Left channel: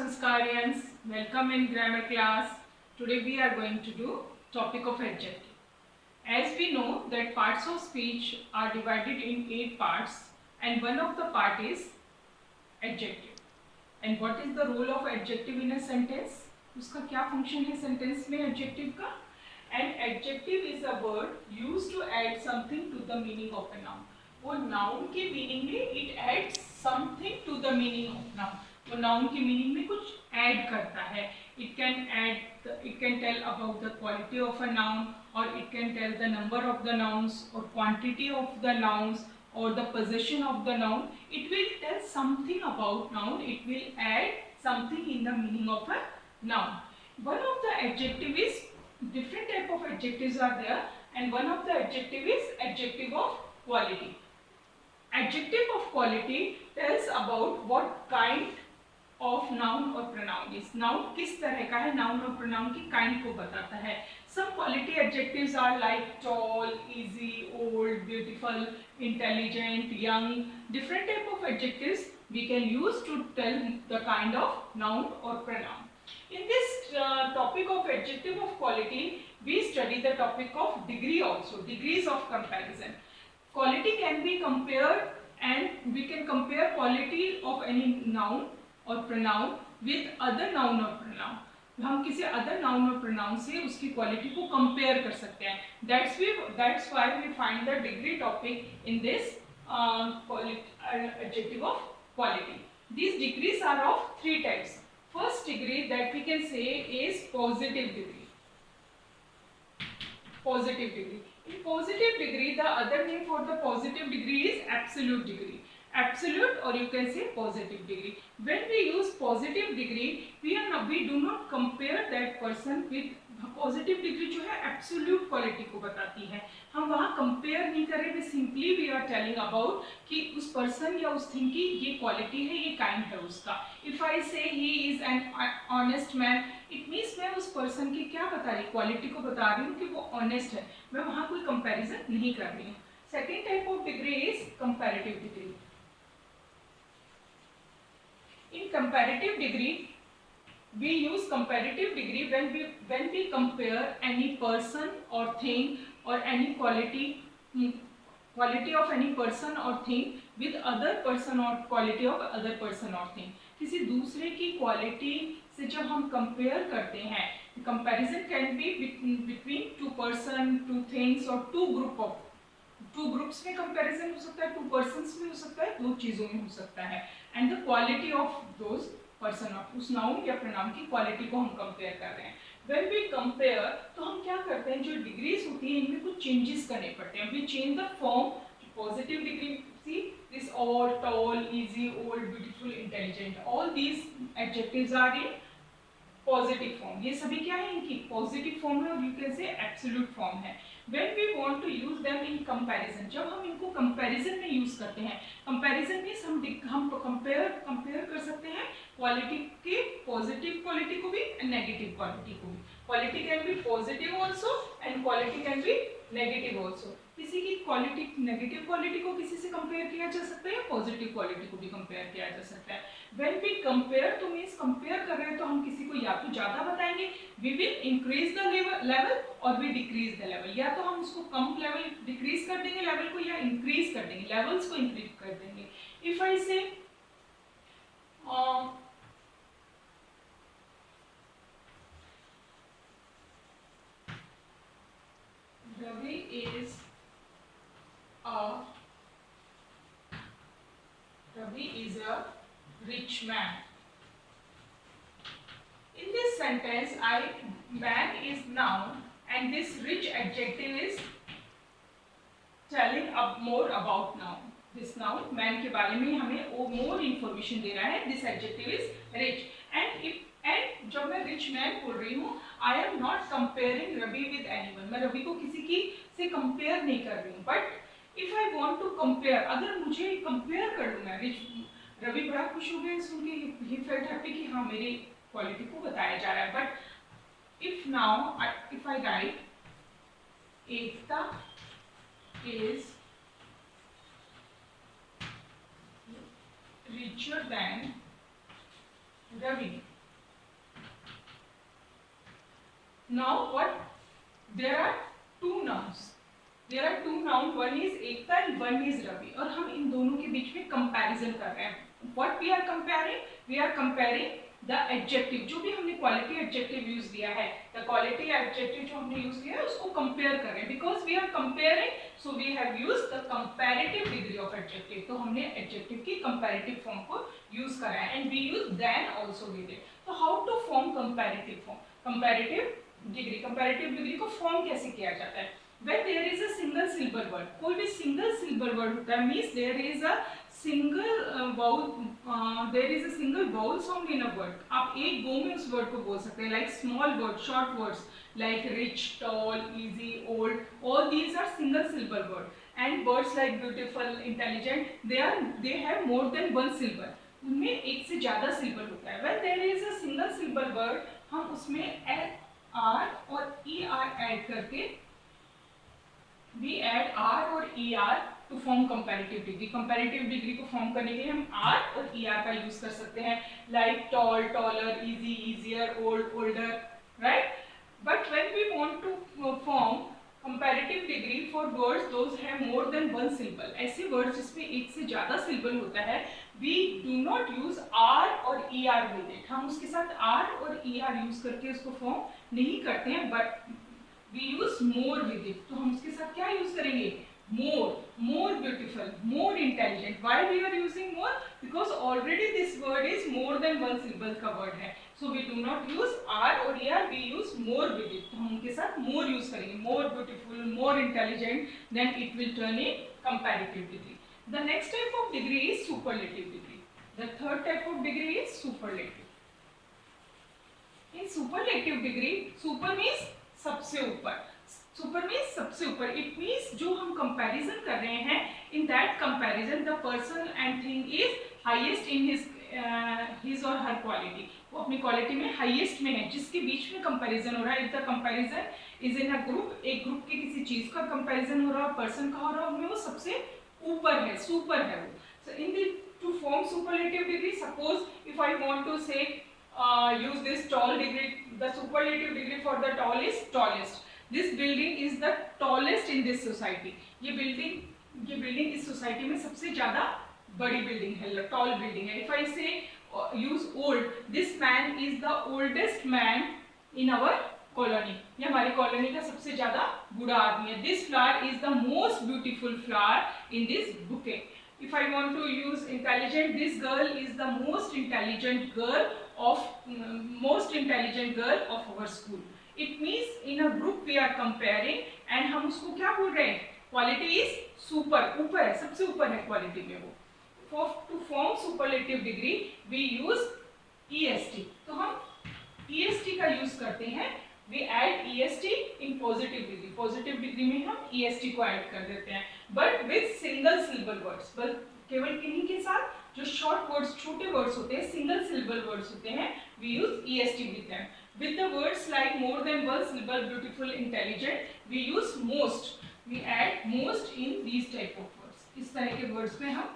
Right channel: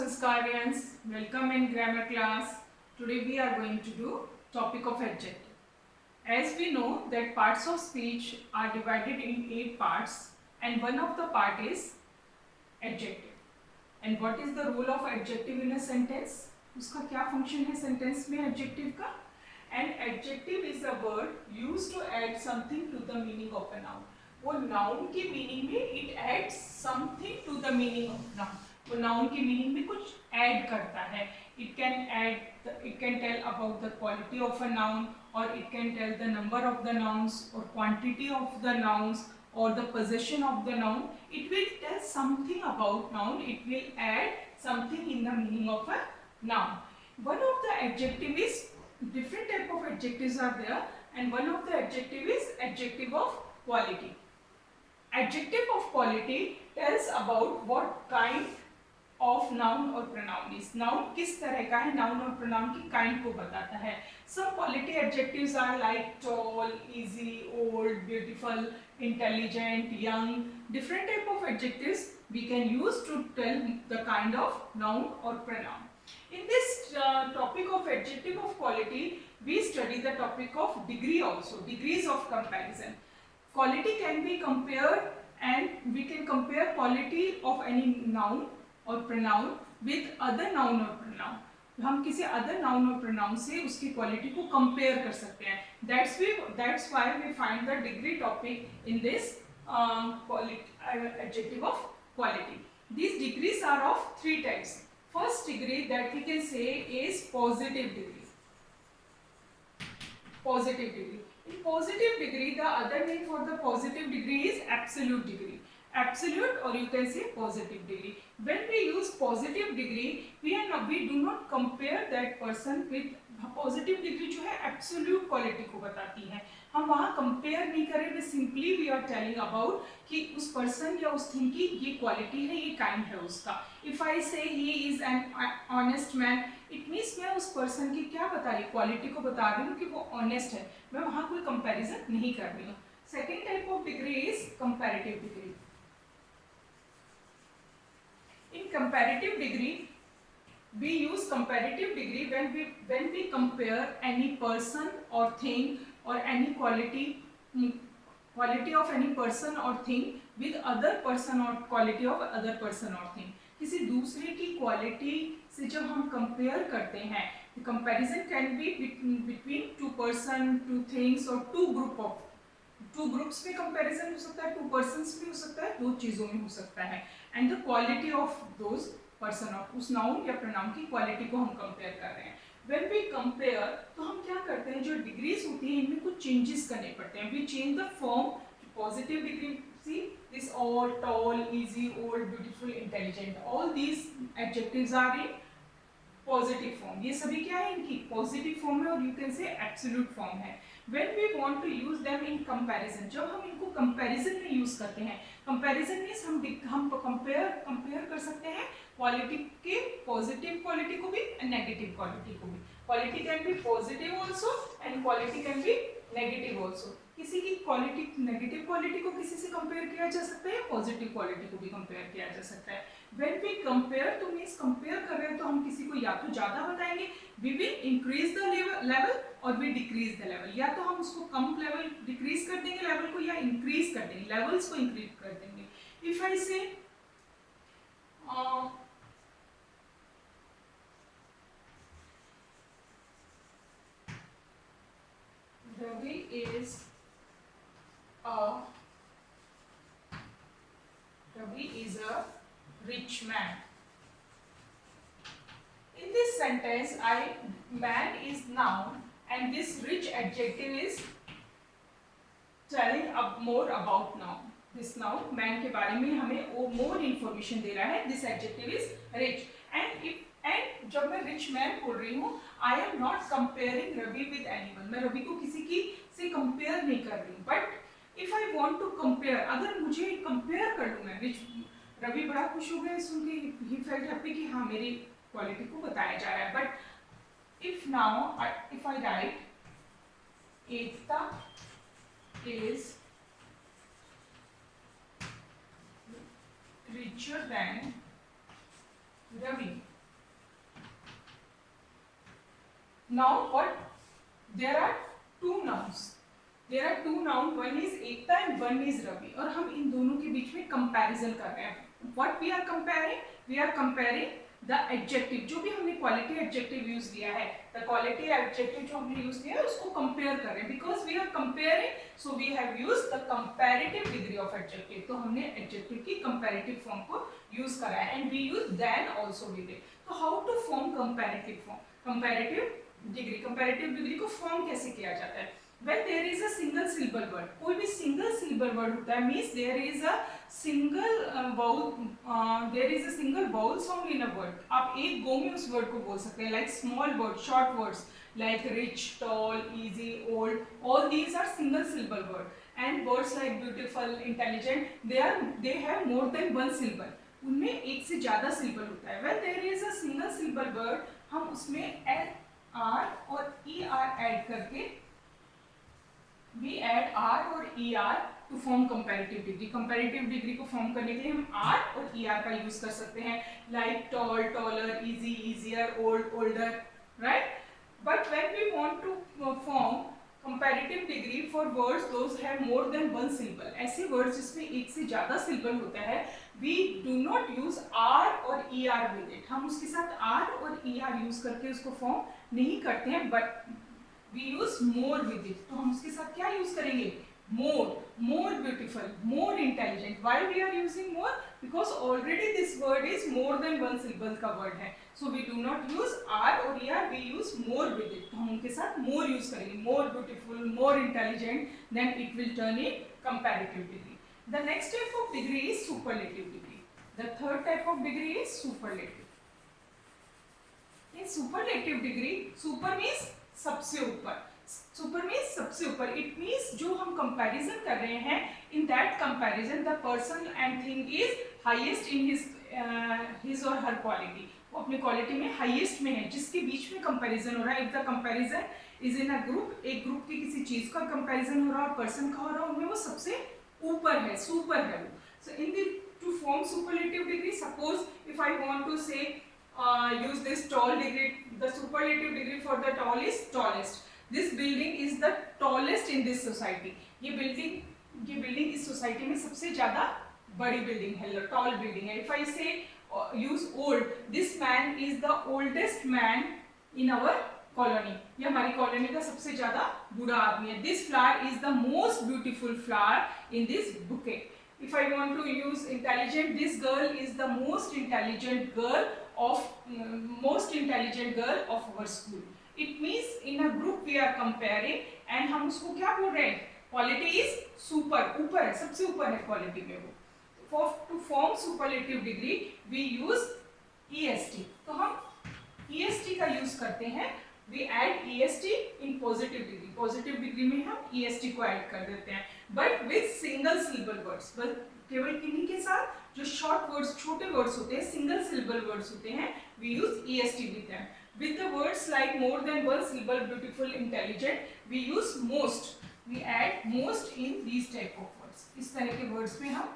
Sanskarians, welcome in grammar class. Today we are going to do topic of adjective. As we know that parts of speech are divided in 8 parts and one of the part is adjective. And what is the role of adjective in a sentence? उसका क्या function है sentence में adjective का? An adjective is a word used to add something to the meaning of a noun. वो noun की meaning में it adds something to the meaning of noun. वो noun की meaning में कुछ add करता है. It can tell about the quality of a noun, or it can tell the number of the nouns or quantity of the nouns or the possession of the noun. It will tell something about noun. It will add something in the meaning of a noun. One of the adjective is, different type of adjectives are there, and one of the adjective is adjective of quality. Adjective of quality tells about what kind of noun or pronoun is. Noun किस तरह का है, noun और pronoun की kind को बताता है. Some quality adjectives are like tall, easy, old, beautiful, intelligent, young. Different type of adjectives we can use to tell the kind of noun or pronoun. In this topic of adjective of quality, we study the topic of degree also, degrees of comparison. Quality can be compared, and we can compare quality of any noun or pronoun with other noun or pronoun. हम किसी other noun और pronoun से उसकी quality को compare कर सकते हैं. That's why we find the degree topic in this adjective of quality. These degrees are of 3 types. First degree that we can say is positive degree. Positive degree. In positive degree, the other name for the positive degree is absolute degree. Absolute, or you can say positive degree. When we use positive degree, we do not compare that person with positive degree जो है absolute quality को बताती है. हम वहाँ compare नहीं करें, we simply we are telling about कि उस person या उस thing की ये quality है, ये kind है उसका. If I say he is an honest man, it means मैं उस person की क्या बता रही, quality को बता रही हूँ कि वो honest है. मैं वहाँ कोई comparison नहीं कर रही हूँ. Second type of degree is comparative degree. In comparative degree, we use comparative degree when we compare any person or thing or any quality of any person or thing with other person or quality of other person or thing. किसी दूसरे की quality से जब हम compare करते हैं, comparison can be between two person, two things or two groups में comparison हो सकता है, two persons में हो सकता है, दो चीजों में हो सकता है. And the quality of those person of उस noun या pronoun की quality को हम compare कर रहे हैं. When we compare, तो हम क्या करते हैं, जो degrees होती हैं इनमें कुछ changes करने पड़ते हैं. We change the form. Positive degree, see this all, tall, easy, old, beautiful, intelligent. All these adjectives are in positive form. ये सभी क्या है, इनकी positive form है, और you can say absolute form है. When we want to use them in comparison, जब हम इनको comparison में use करते हैं, comparison means हम compare कर सकते हैं quality के positive quality को भी and negative quality को भी. Quality can be positive also and quality can be negative also. किसी की quality negative quality को किसी से compare किया जा सकता है, positive quality को भी compare किया जा सकता है. When we compare तो means compare कर रहे हैं तो हम किसी को या तो ज़्यादा बताएंगे, we will increase the level और we decrease the level. या तो हम उसको कम level decrease कर देंगे level को, या increase कर देंगे, levels को increase कर देंगे. If I say Ravi is a rich man. In this sentence, man is noun and this rich adjective is telling more about noun. This noun man के बारे में हमें more information दे रहा है. This adjective is rich. And जब मैं rich man बोल रही हूँ, I am not comparing Ravi with anyone. मैं रवि को किसी की से compare नहीं कर रही हूँ. But if I want to compare, अगर मुझे compare कर लूँ मैं रवि बड़ा खुश हो गया सुन के, he felt happy कि हाँ मेरी क्वालिटी को बताया जा रहा है. But if now if I right Ekta is richer than Ravi, Now what? There are two nouns. There are two nouns. One is Ekta and one is Ravi. और हम इन दोनों के बीच में कंपैरिजन कर रहे हैं. What we are comparing? We are comparing the adjective. जो भी हमने quality adjective यूज किया है, the quality adjective जो हमने यूज किया है उसको compare कर रहे हैं. Because we are comparing, so we have used the comparative degree of adjective. तो हमने adjective की comparative form को यूज करा है. And we use than also with it. So how to form comparative form? Comparative degree को form कैसे किया जाता है? When there is a single syllable word, कोई भी single syllable word होता है, means there is a single vowel sound in a word. आप एक गो में उस word को बोल सकते हैं, like small words, short words, like rich, tall, easy, old. All these are single syllable word. And words like beautiful, intelligent, they have more than one syllable. उनमें एक से ज़्यादा syllable होता है. When there is a single syllable word, हम उसमें R और ER add करके we add R और ER to form comparative degree. Comparative degree को form करने के लिए हम R और ER का यूज कर सकते हैं, like tall, taller, easy, easier, old, older, right? But when we want to form comparative degree for words those have more than one syllable, ऐसे words जिसमें एक से ज़्यादा syllable होता है, we do not use R और ER with it. हम उसके साथ R और ER यूज करके उसको form नहीं करते हैं, but we use more with it. तो हम उसके साथ क्या यूज करेंगे? more beautiful, more intelligent. Why we are using more? Because already this word is more than one syllable का word है, so we do not use R और ER, we use more with it. तो हम उनके साथ more use करेंगे, more beautiful, more intelligent, then it will turn in comparative degree. The next type of degree is superlative degree. The third type of degree is superlative. In superlative degree, super means सबसे ऊपर. Super means सबसे ऊपर. It means जो हम comparison कर रहे हैं, in that comparison the person and thing is highest in his or her quality. वो अपनी quality में highest में है, जिसके बीच में comparison हो रहा है. If the comparison is in a group, एक group की किसी चीज का comparison हो रहा है, person का हो रहा है, उनमें वो सबसे ऊपर है, super है वो. So in the to form superlative degree, suppose if I want to say use this tall degree, the superlative degree for the tall is tallest. This building is the tallest in this society. ये building इस society में सबसे ज़्यादा बड़ी building है, tall building है. If I say use old, this man is the oldest man in our colony. ये हमारी colony का सबसे ज़्यादा बूढ़ा आदमी है. This flower is the most beautiful flower in this bouquet. If I want to use intelligent, this girl is the most intelligent girl of our school. It means in a group we are comparing and हम उसको क्या बोल रहे हैं? Quality is super, ऊपर है, सबसे ऊपर है quality में वो. To form superlative degree we use EST. तो हम EST का यूज करते हैं. We add EST in positive degree. Positive degree में हम EST को ऐड कर देते हैं, but with single syllable words. बस केवल किन्हीं के साथ जो short words, छोटे words होते हैं, single syllable words होते हैं, we use EST with them. With the words like more than one syllable, beautiful, intelligent, we use most. We add most in these type of words. इस तरह के words में हम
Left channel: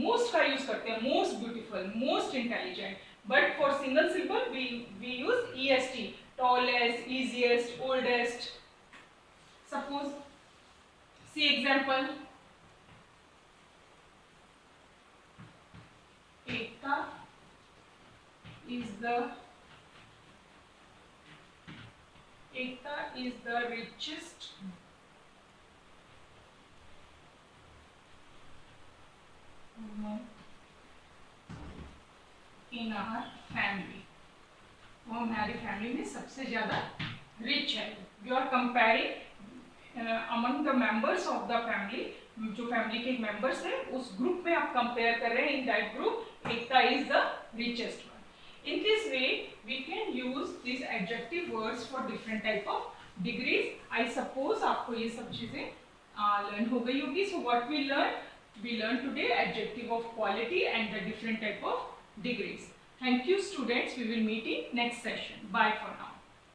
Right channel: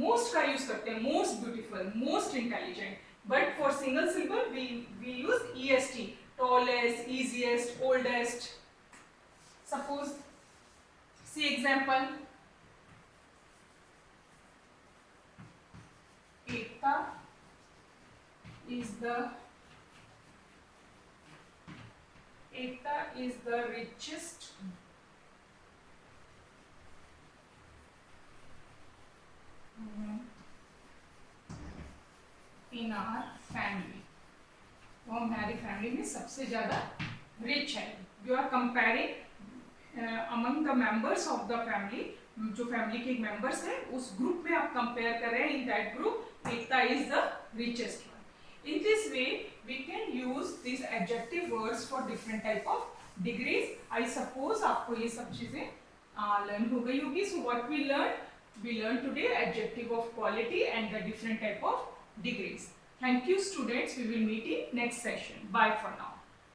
most का use करते हैं, most beautiful, most intelligent. But for single syllable, we use EST, tallest, easiest, oldest. Suppose, see example. Ekta is the richest woman in our family. वो हमारी फैमिली में सबसे ज़्यादा रिच है. You are comparing among the members of the family. जो family के members हैं उस ग्रुप में आप कंपेयर कर रहे हैं. In that group Ekta is the richest one. In this way we can use this adjective words for different type of degrees. I suppose आपको ये सब चीजें लर्न हो गई होगी. So what we learn today adjective of quality and the different type of degrees. Thank you students. We will meet in next session. Bye for now.